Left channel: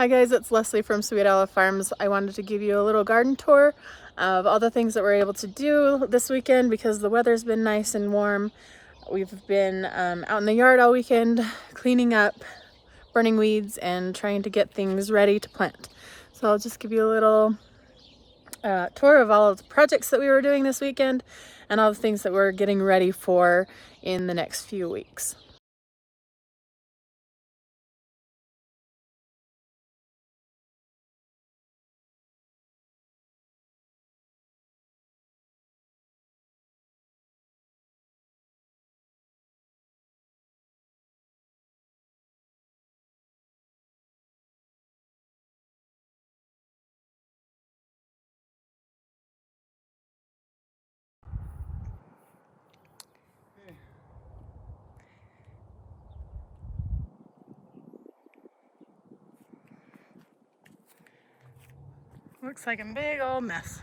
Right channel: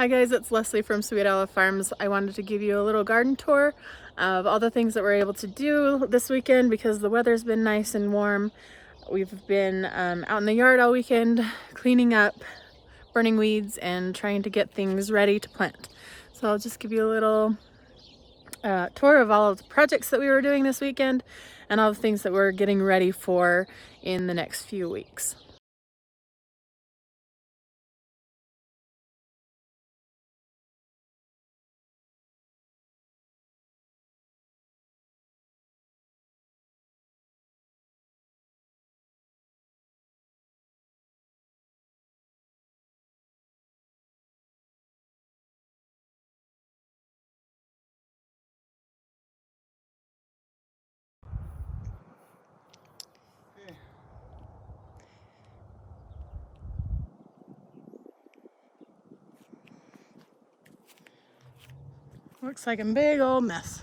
Hi guys, it's Leslie from Sweet Olive Farms. I wanted to give you a little garden tour of all the things that we're able to do this weekend because the weather's been nice and warm. We've been out in the yard all weekend cleaning up, burning weeds, and trying to get things ready to plant. So I'll just give you a little tour of all of the projects that we were doing this weekend and all the things that we're getting ready for in the next few weeks. Looks like a big old mess.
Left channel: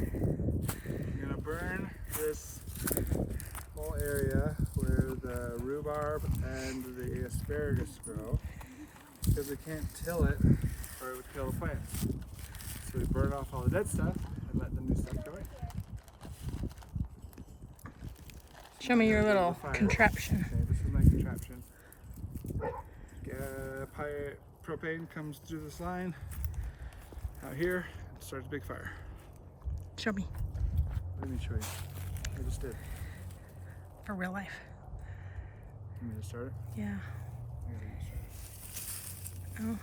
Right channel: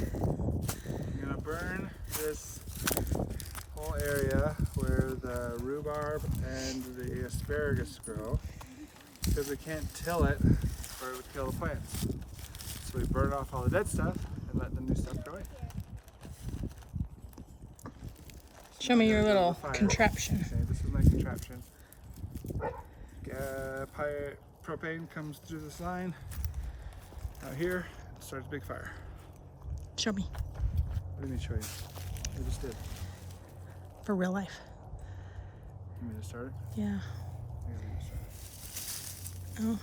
I'm gonna burn this whole area where the rhubarb and the asparagus grow because we can't till it or it would kill the plants. So we burn off all the dead stuff and let the new stuff grow in. Show me your little contraption. Okay, this is my contraption. Propane comes through this line out here and starts a big fire. Show me. What do you mean show you? I just did. For real life. You want me to start it? Yeah. I gotta start it. Oh.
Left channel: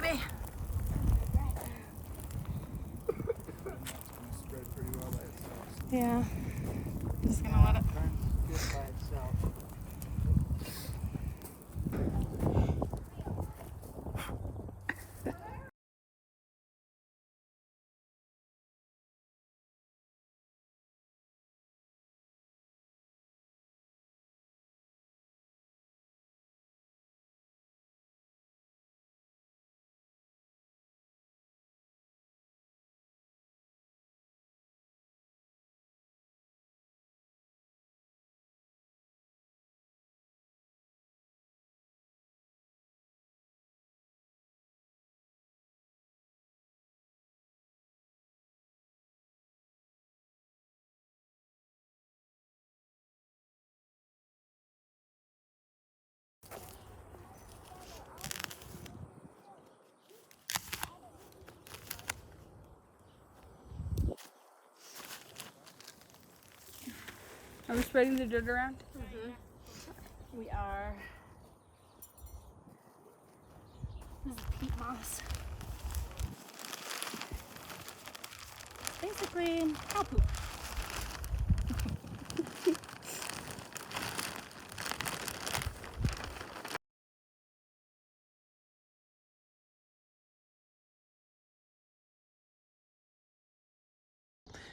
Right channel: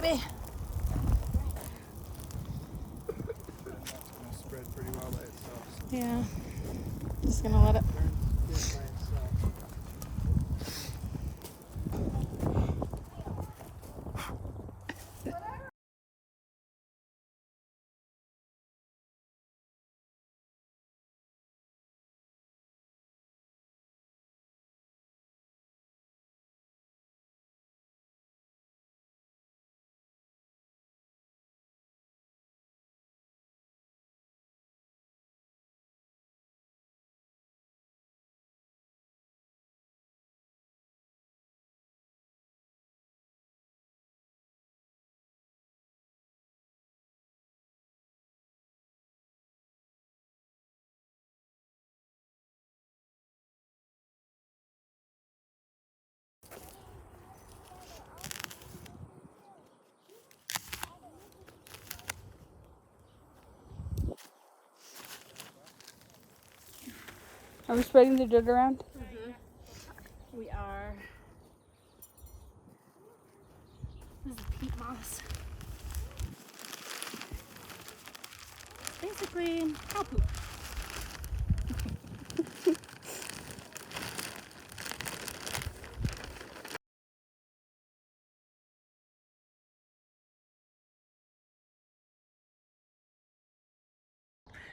baby. That's going to spread pretty well by itself. Yeah. Just gonna let it. Are we spreading the dirt around? Mm-hmm. We are. This is peat moss. It's basically cow poop.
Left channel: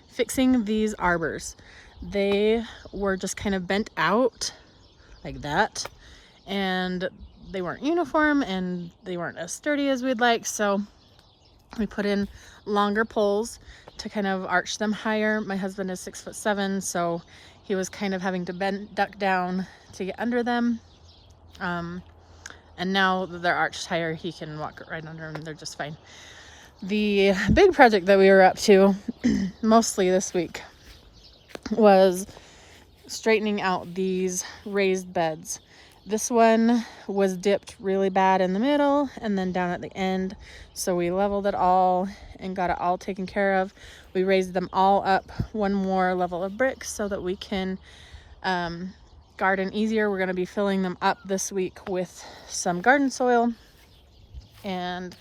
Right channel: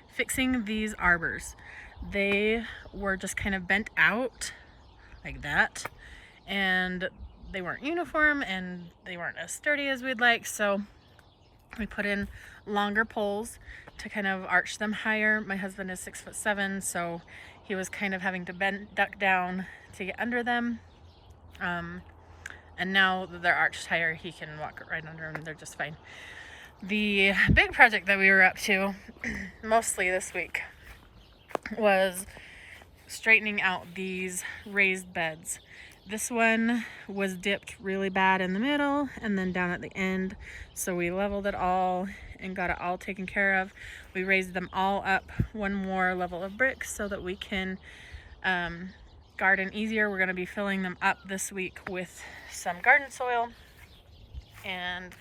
Fixing these arbors. They were just kind of bent out like that, and they weren't uniform and they weren't as sturdy as we'd like, so we put in longer poles to kind of arch them higher. My husband is 6'7", so he was kind of having to duck down to get under them, and now that they're arched higher, he can walk right under them. They're just fine. The big project that we were up to mostly this week was straightening out these raised beds. This one was dipped really bad in the middle and then down at the end, so we leveled it all and got it all taken care of. We raised them all up one more level of bricks so that we can garden easier. We're going to be filling them up this week with some garden soil, and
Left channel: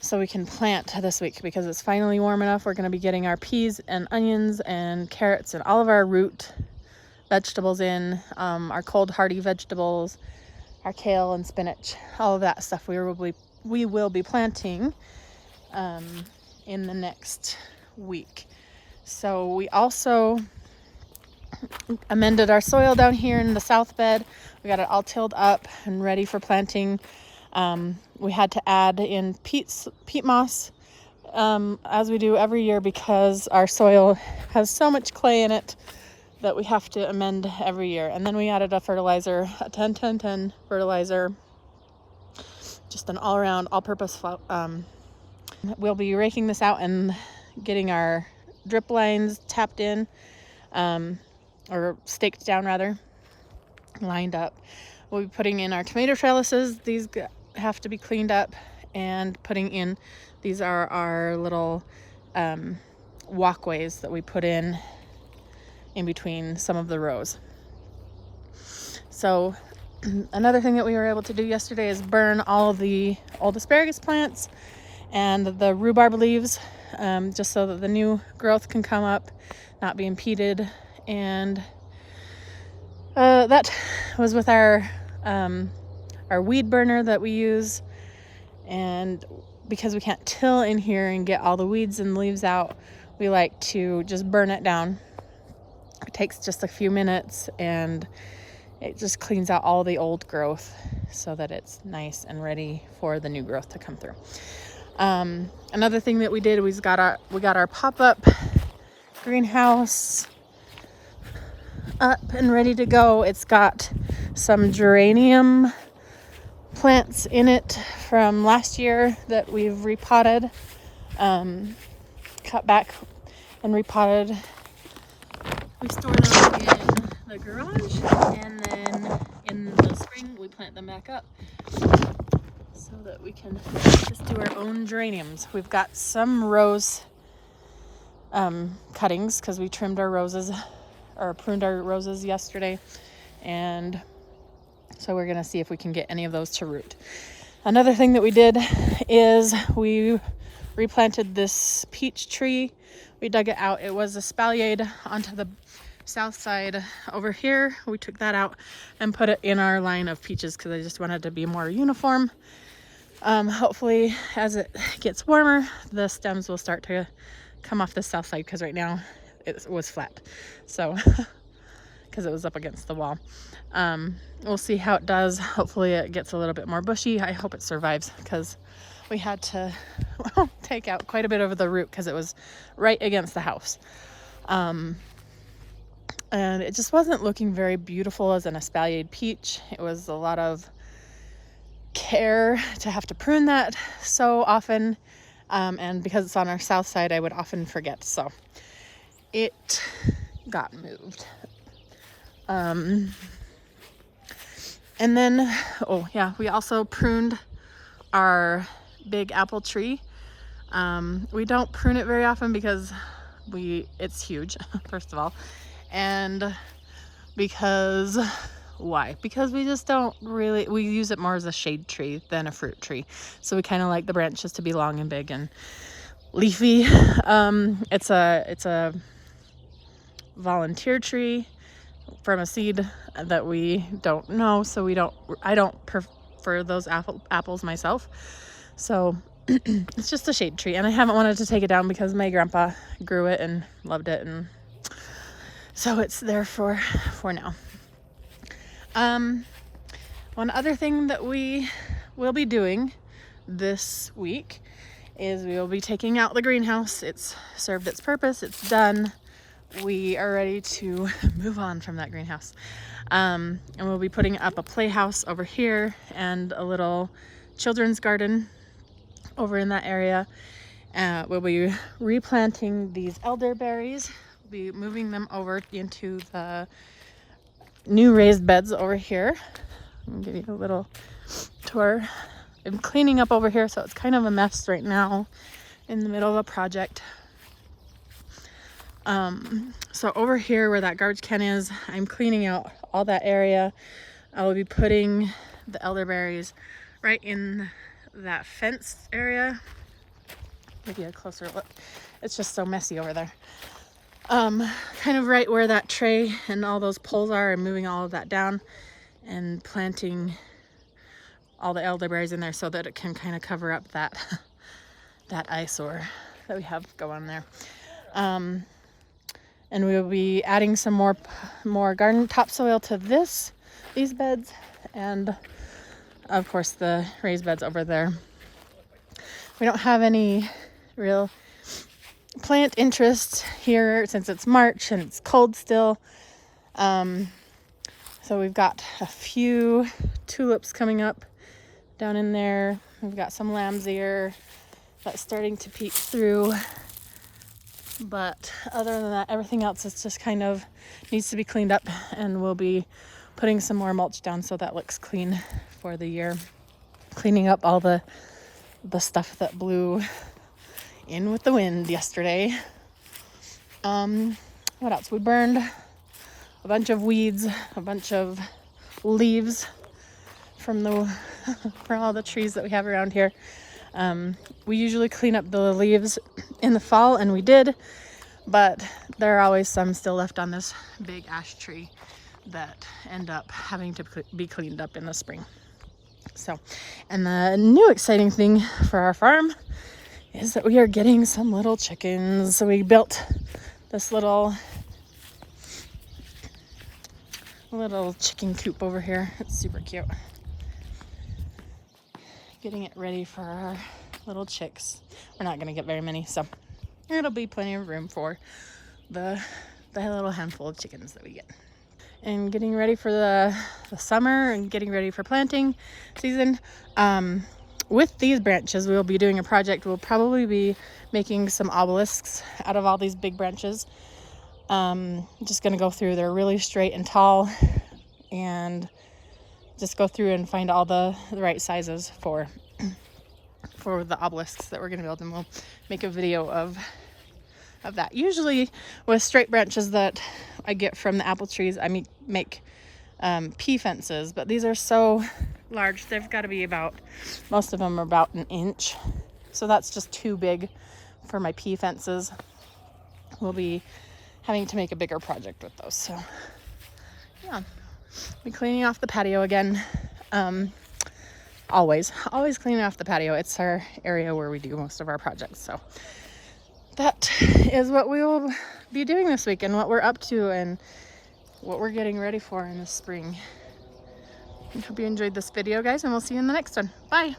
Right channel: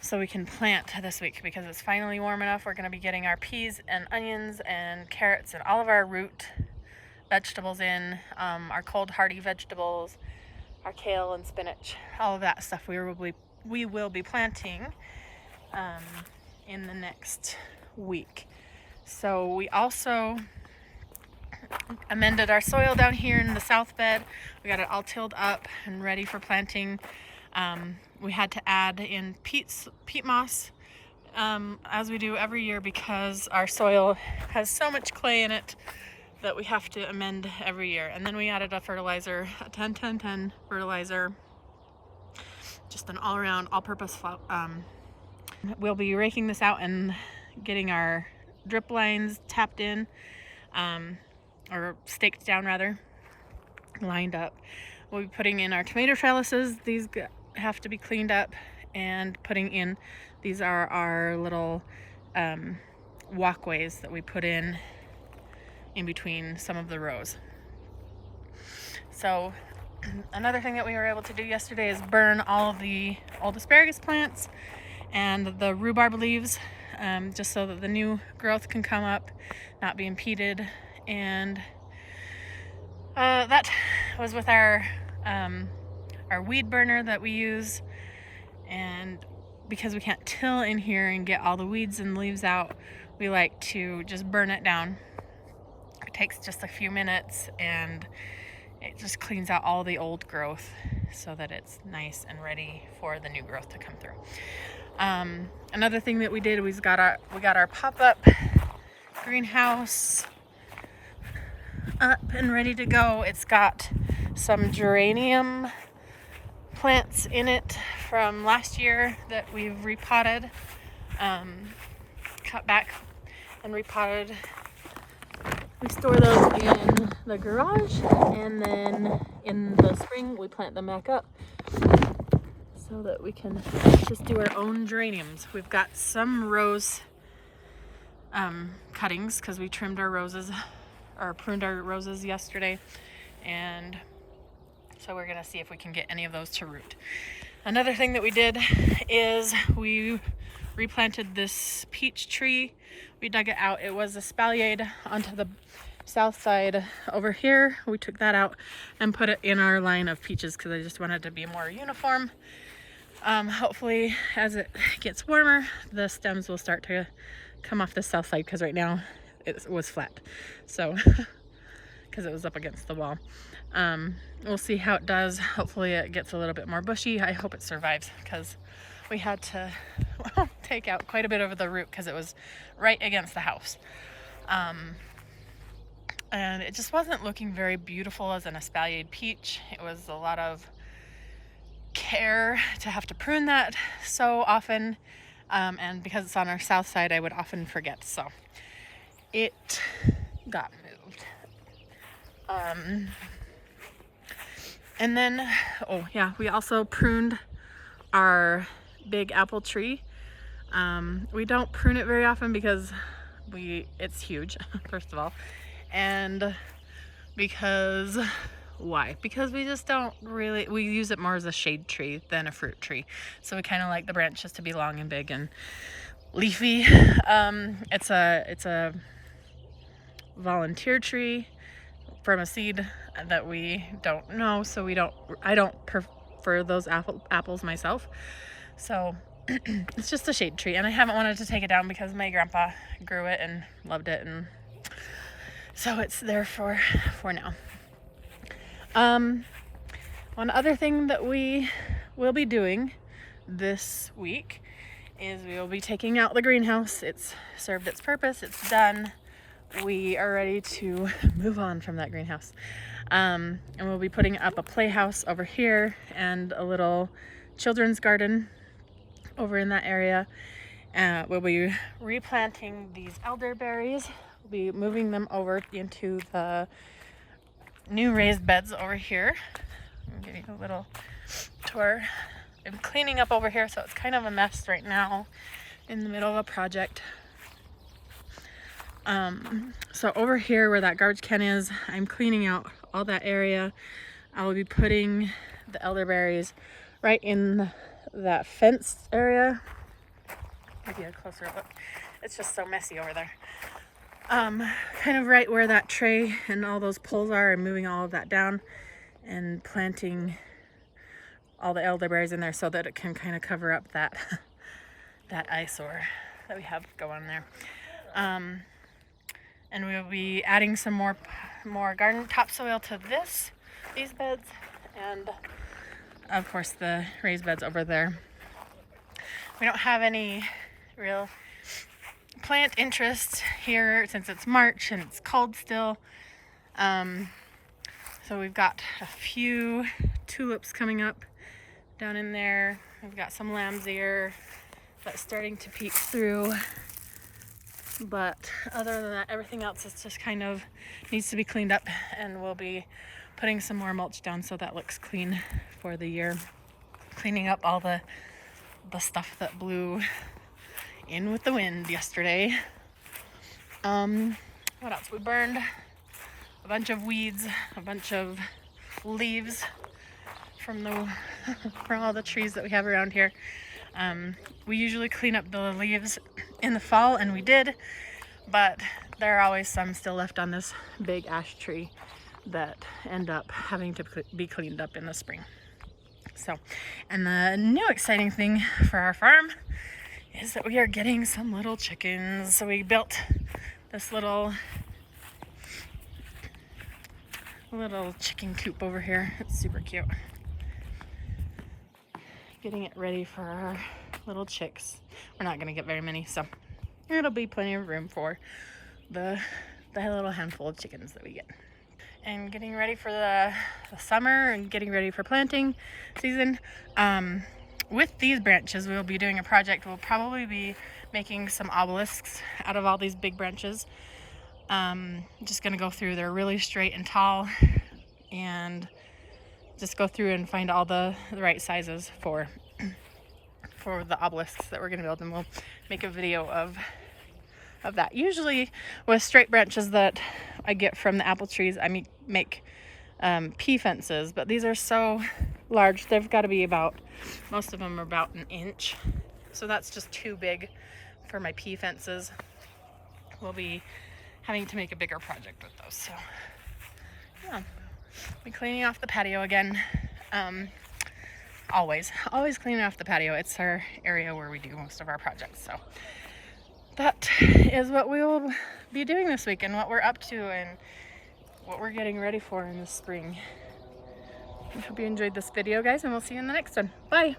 so we can plant this week because it's finally warm enough. We're going to be getting our peas and onions and carrots and all of our root vegetables in, our cold hardy vegetables, our kale and spinach, all of that stuff we will be planting in the next week. So we also amended our soil down here in the south bed. We got it all tilled up and ready for planting. We had to add in peat moss, as we do every year, because our soil has so much clay in it that we have to amend every year. And then we added a fertilizer, a 10-10-10 fertilizer, just an all-around, all-purpose. We'll be raking this out and getting our drip lines tapped in, or staked down rather, lined up. We'll be putting in our tomato trellises. These have to be cleaned up, and putting in, these are our little walkways that we put in between some of the rows. So another thing that we were able to do yesterday is burn all of the old asparagus plants and the rhubarb leaves, just so that the new growth can come up, not be impeded. And that was with our weed burner that we use. And because we can't till in here and get all the weeds and leaves out, we like to just burn it down. It takes just a few minutes and it just cleans out all the old growth so that it's nice and ready for the new growth to come through. Another thing that we did, we got our pop-up greenhouse up and ready to go. It's got some geranium plants in it from last year that we've repotted, cut back and repotted. We store those in the garage, and then in the spring we plant them back up so that we can just do our own geraniums. We've got some rose cuttings because we trimmed our roses, or pruned our roses yesterday, and so we're gonna see if we can get any of those to root. Another thing that we did is we replanted this peach tree. We dug it out. It was espaliered onto the south side over here. We took that out and put it in our line of peaches because I just wanted it to be more uniform. Hopefully as it gets warmer, the stems will start to come off the south side because right now it was flat. So, because it was up against the wall. We'll see how it does. Hopefully it gets a little bit more bushy. I hope it survives because we had to take out quite a bit of the root because it was right against the house. And it just wasn't looking very beautiful as an espaliered peach. It was a lot of care to have to prune that so often. And because it's on our south side, I would often forget. So it got moved. And then, oh yeah, we also pruned our big apple tree. We don't prune it very often because it's huge, first of all. And because, why? Because we just don't really, we use it more as a shade tree than a fruit tree. So we kind of like the branches to be long and big and leafy. It's a volunteer tree from a seed that we don't know, so I don't prefer those apples myself. So it's just a shade tree, and I haven't wanted to take it down because my grandpa grew it and loved it, and so it's there for now. One other thing that we will be doing this week is we will be taking out the greenhouse. It's served its purpose, it's done. We are ready to move on from that greenhouse. And we'll be putting up a playhouse over here and a little children's garden over in that area. We'll be replanting these elderberries. We'll be moving them over into the new raised beds over here. I'll give you a little tour. I'm cleaning up over here, so it's kind of a mess right now in the middle of a project. So over here where that garbage can is, I'm cleaning out all that area. I will be putting the elderberries right in that fence area. Give you a closer look. It's just so messy over there. Kind of right where that tray and all those poles are, I'm moving all of that down and planting all the elderberries in there so that it can kind of cover up that eyesore that we have going there. And we will be adding some more garden topsoil to these beds, and of course the raised beds over there. We don't have any real plant interest here since it's March and it's cold still. So we've got a few tulips coming up down in there. We've got some lamb's ear that's starting to peek through. But other than that, everything else is just kind of needs to be cleaned up, and we'll be putting some more mulch down so that looks clean for the year. Cleaning up all the stuff that blew in with the wind yesterday. What else? We burned a bunch of weeds, a bunch of leaves from all the trees that we have around here. We usually clean up the leaves in the fall, and we did, but there are always some still left on this big ash tree that end up having to be cleaned up in the spring. So, and the new exciting thing for our farm is that we are getting some little chickens. So we built this little chicken coop over here. It's super cute. Getting it ready for our little chicks. We're not gonna get very many, so it'll be plenty of room for the little handful of chickens that we get. And getting ready for the summer and getting ready for planting season. With these branches, we will be doing a project. We'll probably be making some obelisks out of all these big branches. Just gonna go through, they're really straight and tall, and just go through and find all the right sizes for the obelisks that we're gonna build, and we'll make a video of that. Usually with straight branches that I get from the apple trees, I make pea fences, but these are so large. They've got to be about, most of them are about an inch. So that's just too big for my pea fences. We'll be having to make a bigger project with those. So yeah, be cleaning off the patio again. Always cleaning off the patio. It's our area where we do most of our projects. So that is what we will be doing this week and what we're up to and what we're getting ready for in the spring. I hope you enjoyed this video, guys, and we'll see you in the next one. Bye.